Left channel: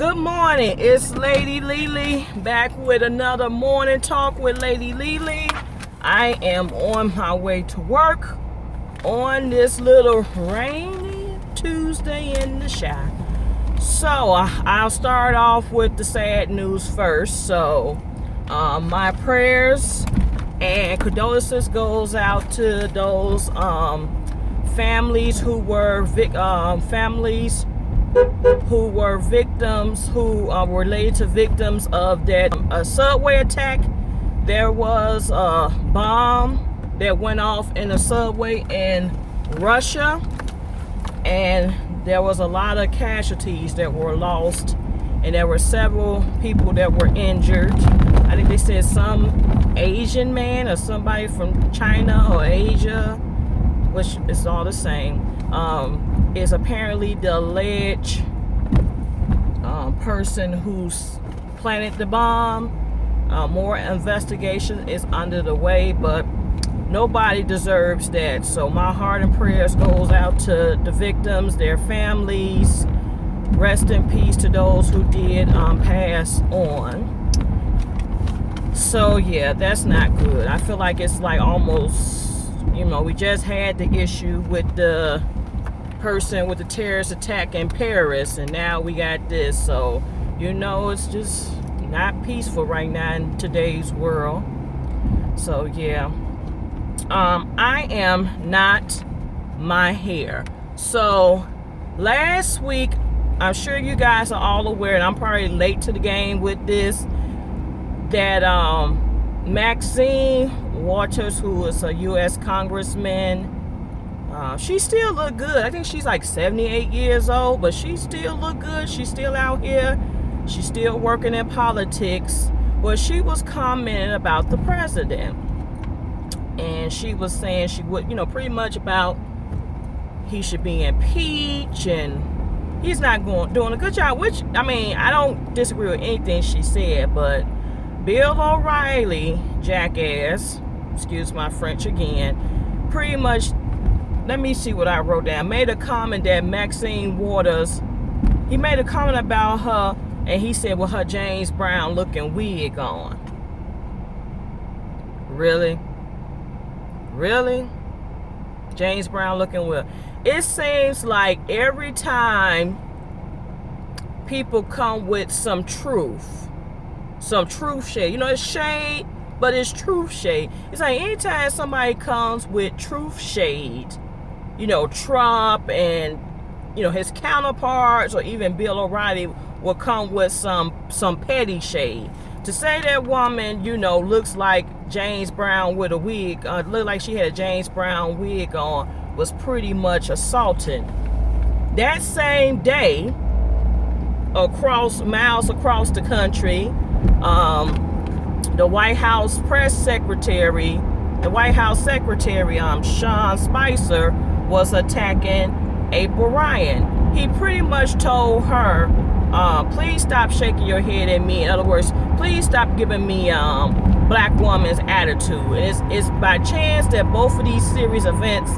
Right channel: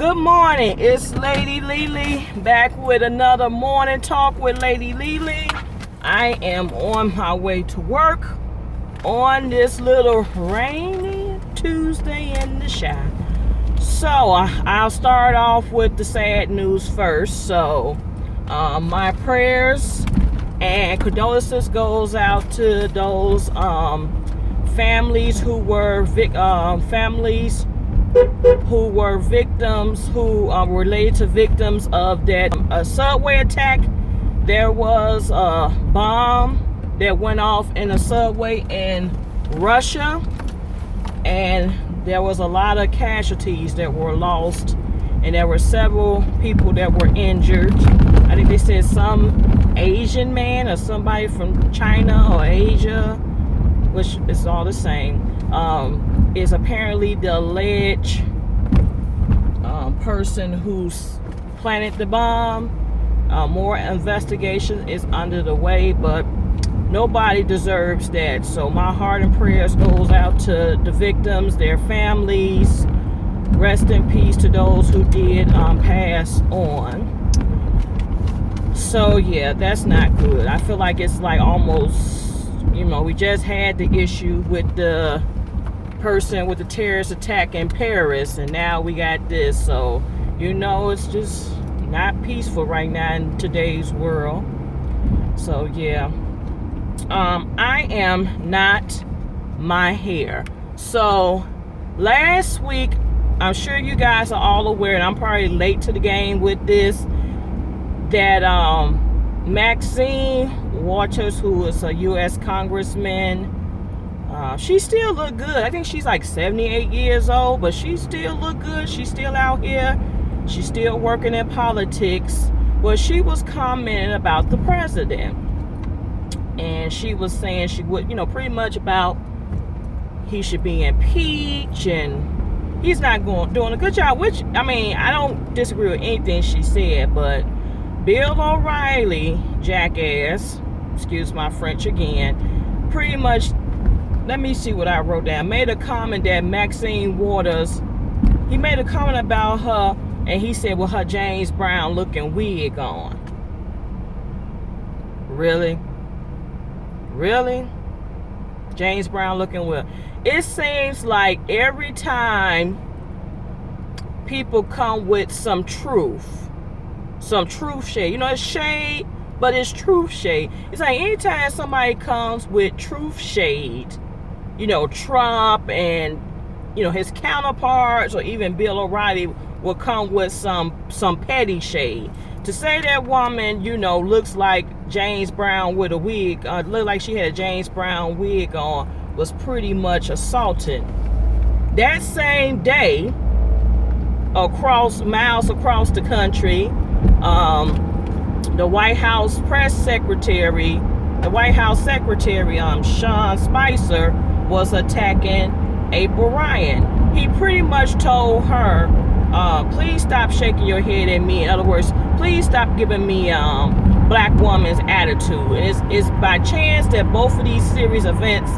Good morning, it's Lady LeLe back with another morning talk with Lady LeLe. I am on my way to work on this little rainy Tuesday in the shy. So I'll start off with the sad news first. So my prayers and condolences goes out to those families who were victims, who were related to victims of that subway attack. There was a bomb that went off in a subway in Russia, and there was a lot of casualties that were lost, and there were several people that were injured. I think they said some Asian man or somebody from China or Asia, which is all the same, is apparently the alleged person who's planted the bomb. More investigation is under the way, but nobody deserves that. So my heart and prayers goes out to the victims, their families. Rest in peace to those who did pass on. So yeah, that's not good. I feel like it's like almost, we just had the issue with the person with the terrorist attack in Paris, and now we got this. So it's just not peaceful right now in today's world. So yeah, I am not my hair. So last week, I'm sure you guys are all aware, and I'm probably late to the game with this, that Maxine Waters, who is a U.S. congressman, she still look good. I think she's like 78 years old, but she still look good. She's still out here. She's still working in politics. Well, she was commenting about the president, and she was saying she would, pretty much about he should be impeached and he's not doing a good job, which, I don't disagree with anything she said, but Bill O'Reilly, jackass, excuse my French again, pretty much, let me see what I wrote down, made a comment that Maxine Waters, he made a comment about her, and he said, with her James Brown looking wig on. Really? James Brown looking wig. It seems like every time people come with some truth shade, it's shade, but it's truth shade. It's like anytime somebody comes with truth shade, Trump and his counterparts, or even Bill O'Reilly, will come with some petty shade. To say that woman, looks like James Brown with a wig, looked like she had a James Brown wig on, was pretty much assaulting. That same day, miles across the country, the White House secretary, Sean Spicer, was attacking April Ryan. He pretty much told her, please stop shaking your head at me. In other words, please stop giving me black woman's attitude. It's by chance that both of these series of events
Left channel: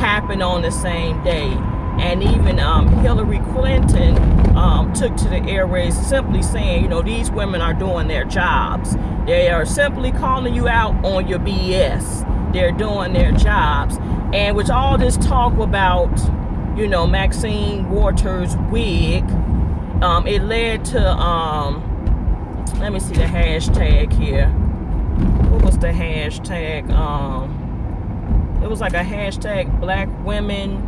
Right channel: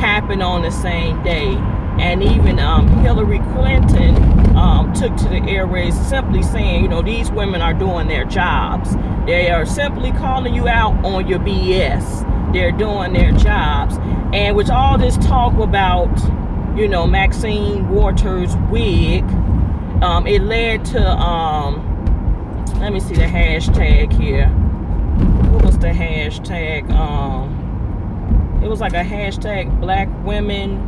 happen on the same day. And even Hillary Clinton took to the airways simply saying, these women are doing their jobs. They are simply calling you out on your BS. They're doing their jobs. And with all this talk about, Maxine Waters' wig, it led to, let me see the hashtag here. What was the hashtag? It was like a hashtag black women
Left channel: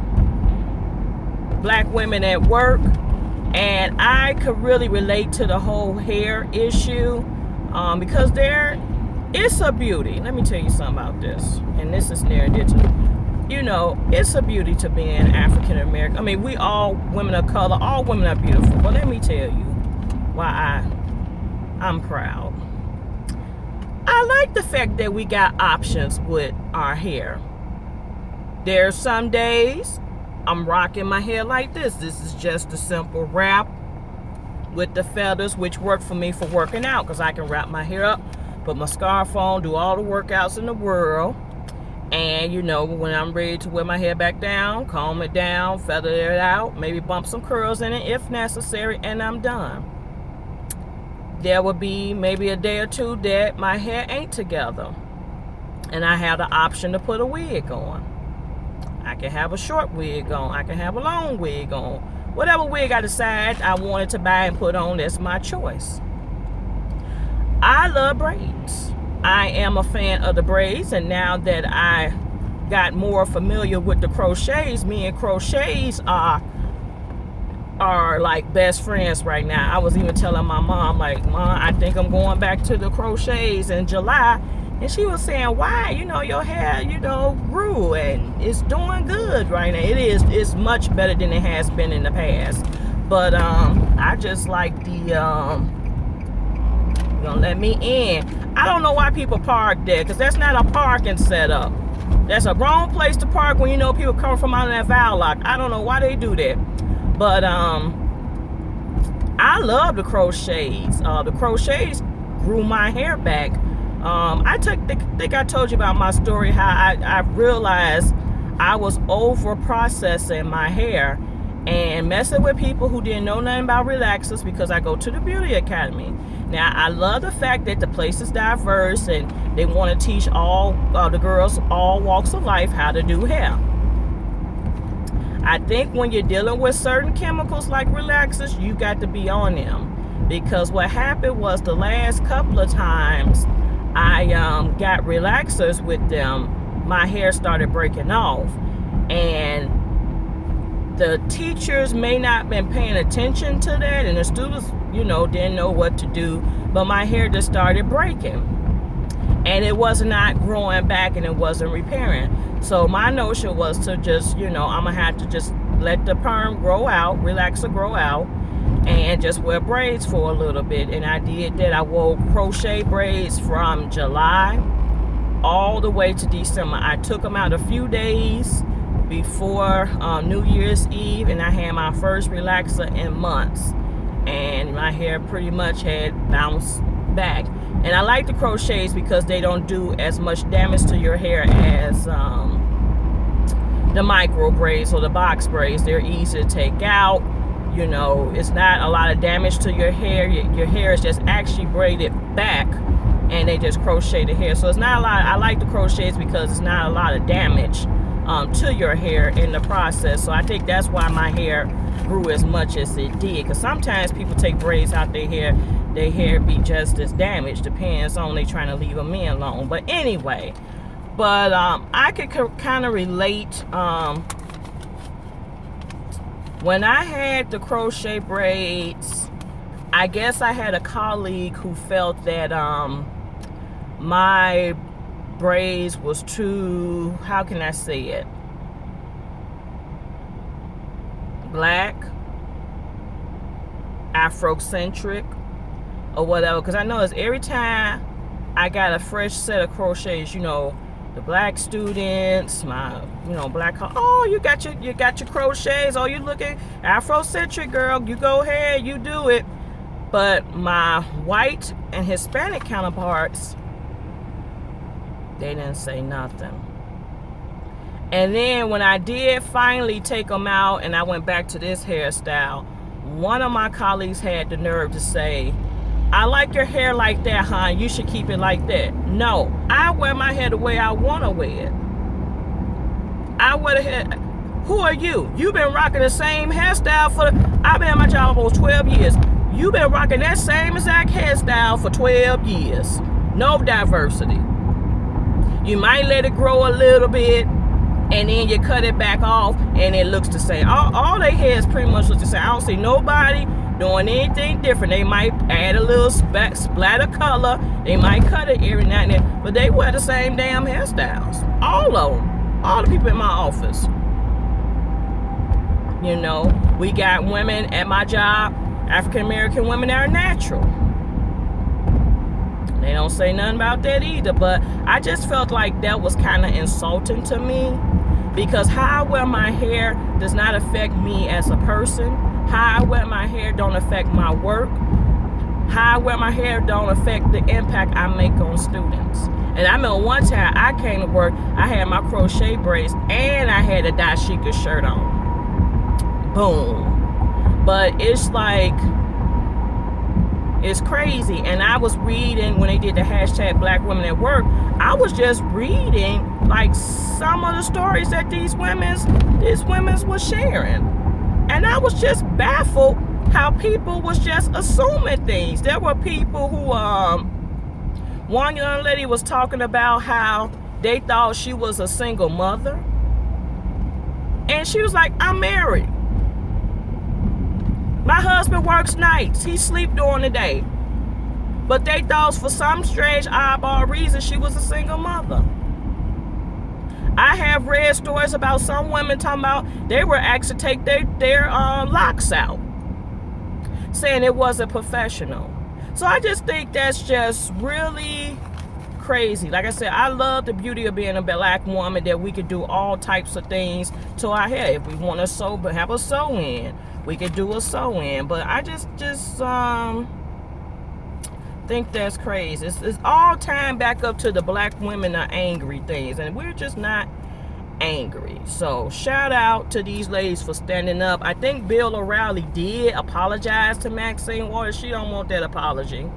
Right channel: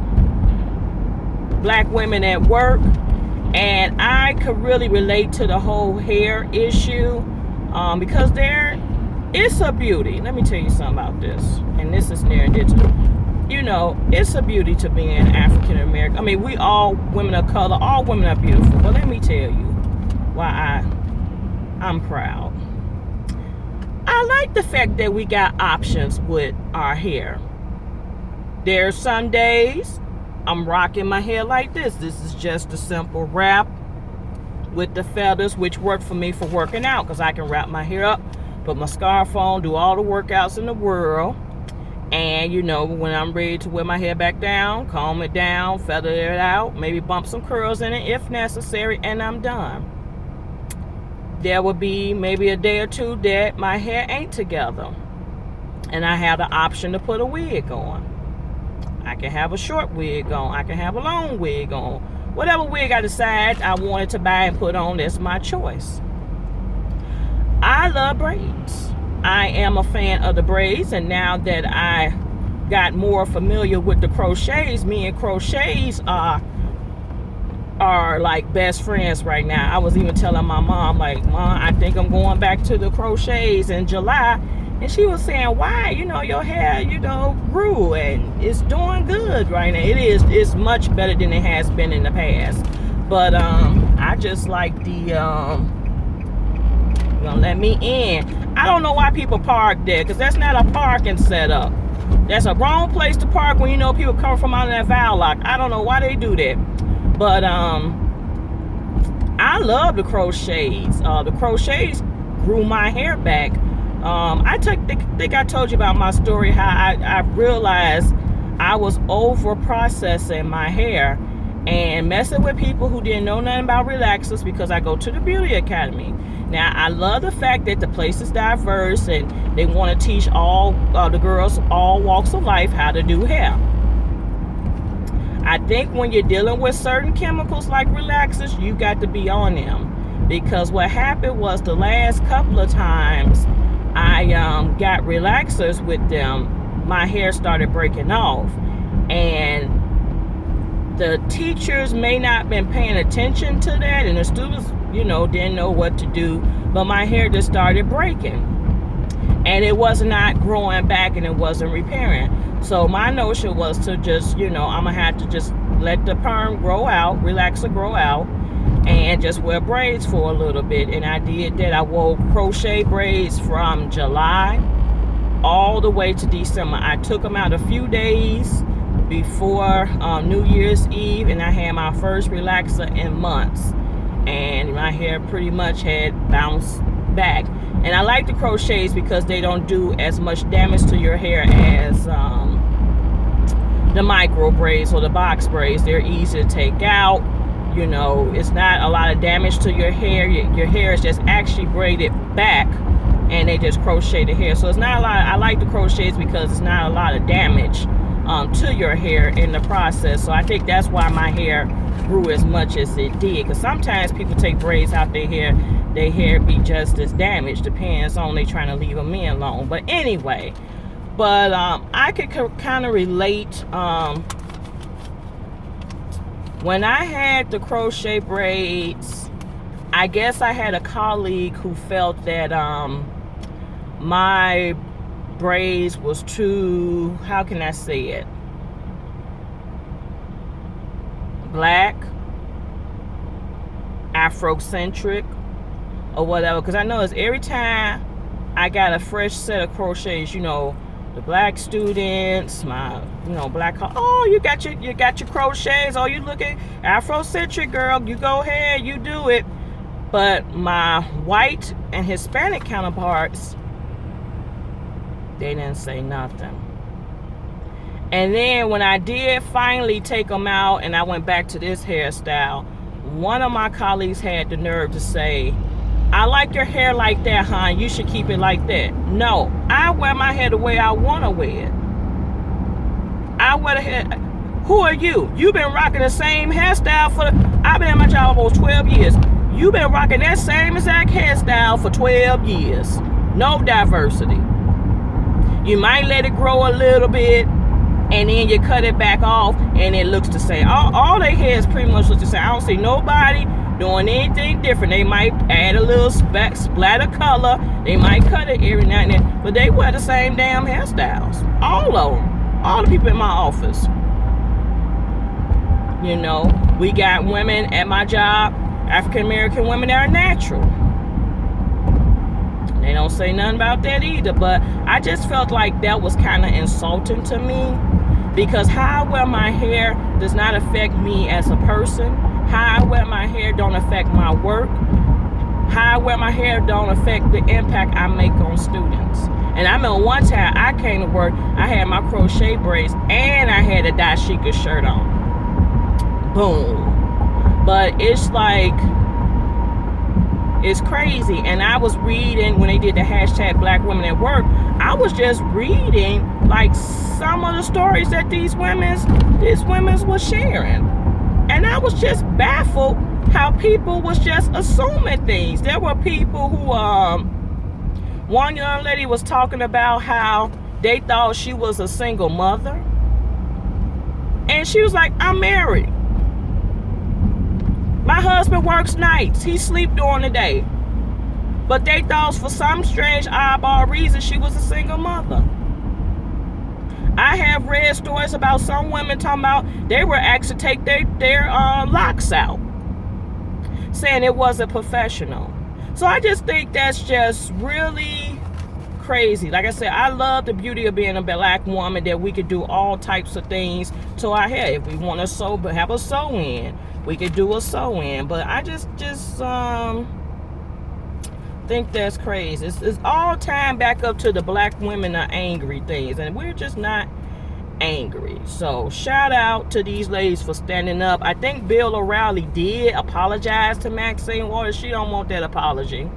at work. And I could really relate to the whole hair issue, because it's a beauty. Let me tell you something about this. And this is near and dear to me. It's a beauty to being African American. We all women of color, all women are beautiful. But let me tell you why I'm proud. I like the fact that we got options with our hair. There's some days I'm rocking my hair like this. This is just a simple wrap with the feathers, which work for me for working out, because I can wrap my hair up, put my scarf on, do all the workouts in the world. And when I'm ready to wear my hair back down, comb it down, feather it out, maybe bump some curls in it if necessary, and I'm done. there would be maybe a day or two that my hair ain't together. And I have the option to put a wig on. I can have a short wig on. I can have a long wig on. Whatever wig I decide I wanted to buy and put on, that's my choice. I love braids. I am a fan of the braids, and now that I got more familiar with the crochets, me and crochets are like best friends right now. I was even telling my mom, like, Mom, I think I'm going back to the crochets in July. And she was saying, why? Your hair, grew and it's doing good right now. It's much better than it has been in the past. But I just like the gonna let me in. I don't know why people park there, because that's not a parking setup. That's a wrong place to park when people come from out of that Val Lock. I don't know why they do that. But I love the crochets. The crochets grew my hair back. I think I told you about my story, how I realized I was over processing my hair and messing with people who didn't know nothing about relaxers, because I go to the beauty academy. Now, I love the fact that the place is diverse and they want to teach all the girls, all walks of life, how to do hair. I think when you're dealing with certain chemicals like relaxers, you got to be on them, because what happened was the last couple of times I got relaxers with them, my hair started breaking off, and the teachers may not have been paying attention to that, and the students, didn't know what to do, but my hair just started breaking, and it was not growing back, and it wasn't repairing. So my notion was to just, I'm gonna have to just let the perm grow out, relaxer grow out, and just wear braids for a little bit. And I did that. I wore crochet braids from July all the way to December. I took them out a few days before New Year's Eve, and I had my first relaxer in months, and my hair pretty much had bounced back. And I like the crochets because they don't do as much damage to your hair as the micro braids or the box braids. They're easy to take out. It's not a lot of damage to your hair. Your hair is just actually braided back, and they just crochet the hair. So it's not a lot. I like the crochets because it's not a lot of damage to your hair in the process. So I think that's why my hair grew as much as it did, because sometimes people take braids out their hair be just as damaged. Depends on they trying to leave them in long. But anyway, I could kind of relate. When I had the crochet braids, I guess I had a colleague who felt that my braids was too, how can I say it, black, Afrocentric, or whatever. Because I noticed every time I got a fresh set of crochets, the black students, my black, oh, you got your crochets, oh, you looking Afrocentric, girl, you go ahead, you do it. But my white and Hispanic counterparts, they didn't say nothing. And then when I did finally take them out and I went back to this hairstyle, one of my colleagues had the nerve to say, I like your hair like that, hon. You should keep it like that. No, I wear my hair the way I want to wear it. I wear the hair. Who are you? You've been rocking the same hairstyle I've been at my job almost 12 years. You've been rocking that same exact hairstyle for 12 years. No diversity. You might let it grow a little bit, and then you cut it back off, and it looks the same. All their hairs pretty much look the same. I don't see nobody doing anything different. They might add a little splatter color. They might cut it every now and then, but they wear the same damn hairstyles. All of them. All the people in my office. We got women at my job, African American women that are natural. They don't say nothing about that either, but I just felt like that was kind of insulting to me, because how I wear my hair does not affect me as a person. How I wear my hair don't affect my work. How I wear my hair don't affect the impact I make on students. And I remember one time I came to work, I had my crochet braids and I had a dashika shirt on. Boom. But it's like, It's crazy. And I was reading when they did the hashtag Black Women at Work. I was just reading like some of the stories that these women's was sharing, and I was just baffled how people was just assuming things. There were people who one young lady was talking about how they thought she was a single mother, and she was like, I'm married. My husband works nights. He sleep during the day. But they thought for some strange oddball reason she was a single mother. I have read stories about some women talking about they were asked to take their locks out, saying it wasn't professional. So I just think that's just really crazy. Like I said, I love the beauty of being a Black woman, that we could do all types of things to our hair. If we want to sew, but have a sew in, we could do a sew in. But I just think that's crazy. It's all time back up to the Black women are angry things, and we're just not angry. So shout out to these ladies for standing up. I think Bill O'Reilly did apologize to Maxine Waters. She don't want that apology.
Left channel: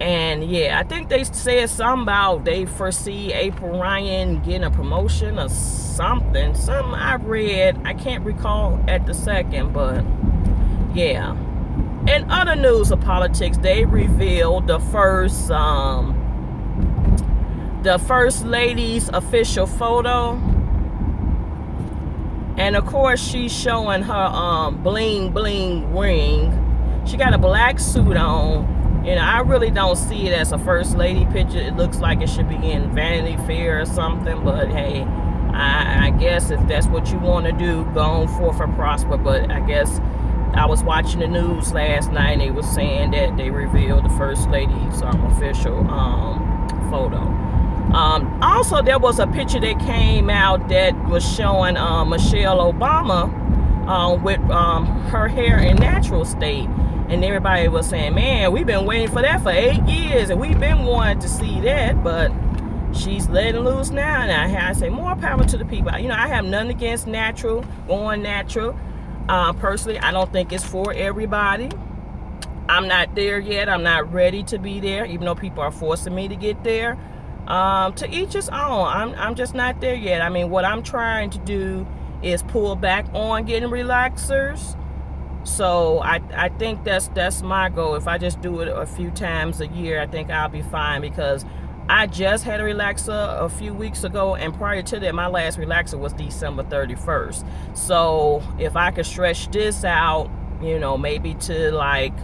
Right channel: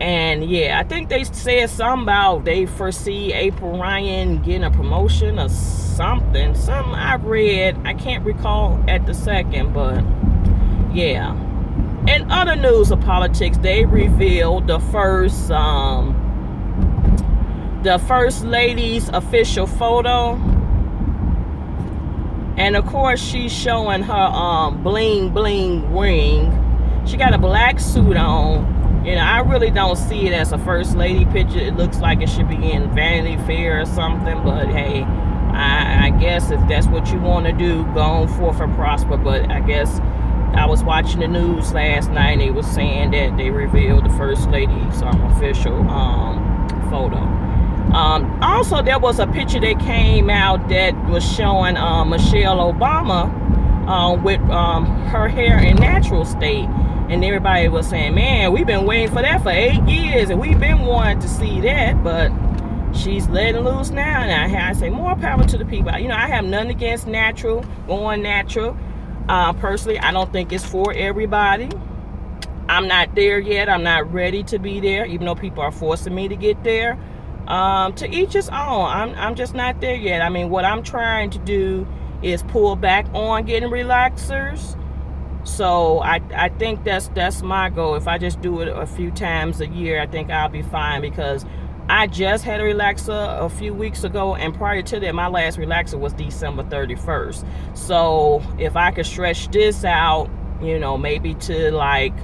And yeah, I think they said something about they foresee April Ryan getting a promotion or something. Something I read, I can't recall at the second, but yeah. In other news of politics, they revealed the first lady's official photo, and of course she's showing her bling bling ring. She got a black suit on. You know, I really don't see it as a first lady picture. It looks like it should be in Vanity Fair or something, but hey, I guess if that's what you want to do, go on forth and prosper. But I guess I was watching the news last night, and they were saying that they revealed the first lady's official photo. Also, there was a picture that came out that was showing Michelle Obama with her hair in natural state, and everybody was saying, man, we've been waiting for that for 8 years, and we've been wanting to see that, but she's letting loose now. And I say more power to the people. You know, I have nothing against going natural. Personally, I don't think it's for everybody. I'm not there yet. I'm not ready to be there, even though people are forcing me to get there. To each his own. I'm just not there yet. I mean, what I'm trying to do is pull back on getting relaxers. So I think that's my goal. If I just do it a few times a year, I think I'll be fine, because I just had a relaxer a few weeks ago, and prior to that, my last relaxer was December 31st. So if I could stretch this out, you know, maybe to like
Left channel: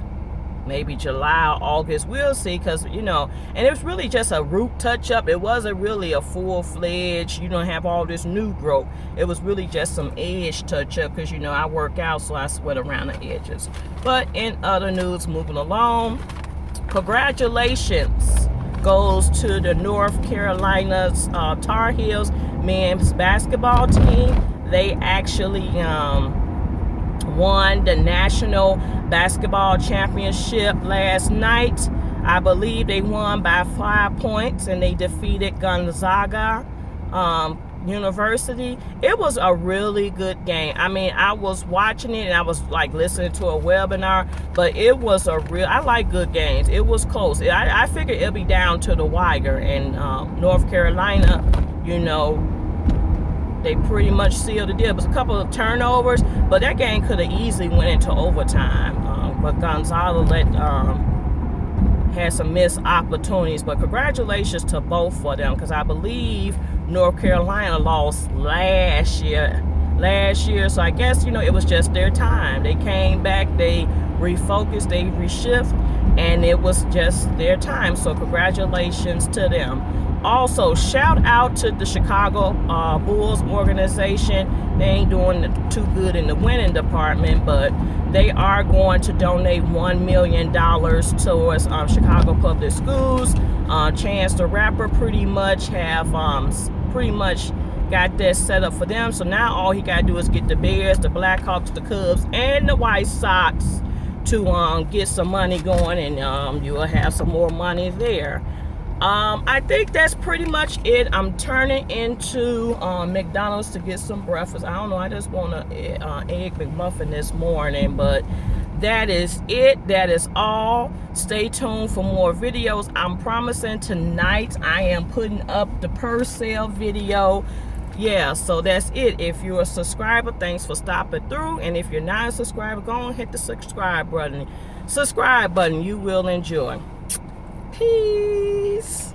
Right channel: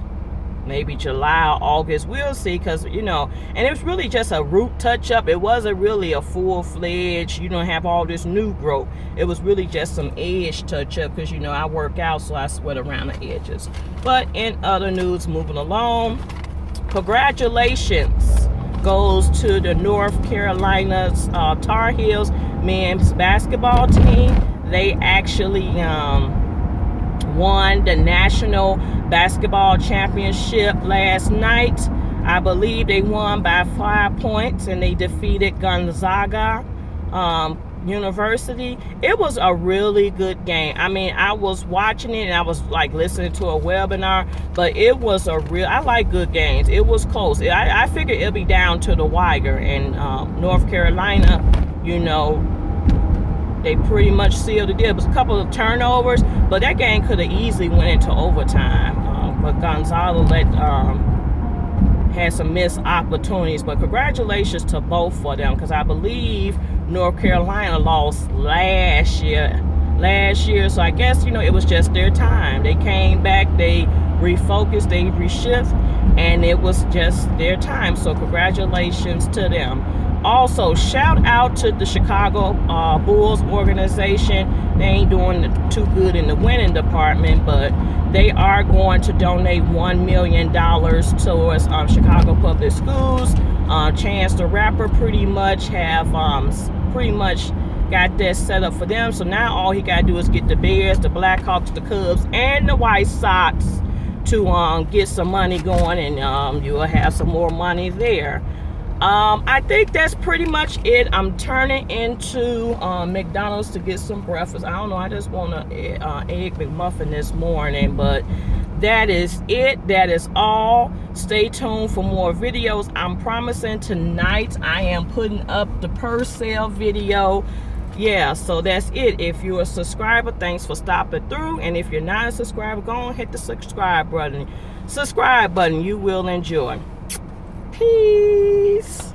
maybe July or August, we'll see, because you know, and it was really just a root touch up. It wasn't really a full-fledged, you don't have all this new growth. It was really just some edge touch up, because you know I work out, so I sweat around the edges. But in other news, moving along, congratulations goes to the North Carolina Tar Heels men's basketball team. They actually won the national basketball championship last night. I believe they won by 5 points, and they defeated Gonzaga University. It was a really good game. I mean, I was watching it and I was like listening to a webinar, but it was I like good games. It was close. I figured it'll be down to the wire, and North Carolina, you know, they pretty much sealed the deal. It was a couple of turnovers, but that game could have easily went into overtime. But Gonzaga had some missed opportunities. But congratulations to both of them, because I believe North Carolina lost last year. So I guess, you know, it was just their time. They came back, they refocused, they reshift, and it was just their time. So congratulations to them. Also, shout out to the Chicago Bulls organization. They ain't doing too good in the winning department, but they are going to donate $1 million towards Chicago public schools. Chance the Rapper pretty much got that set up for them. So now all he got to do is get the Bears, the Blackhawks, the Cubs, and the White Sox to get some money going, and you'll have some more money there. I think that's pretty much it. I'm turning into McDonald's to get some breakfast. I don't know, I just want an egg McMuffin this morning, but that is it. That is all. Stay tuned for more videos. I'm promising tonight I am putting up the per sale video. Yeah, so that's it. If you're a subscriber, thanks for stopping through. And if you're not a subscriber, go on, hit the subscribe button. You will enjoy. Peace.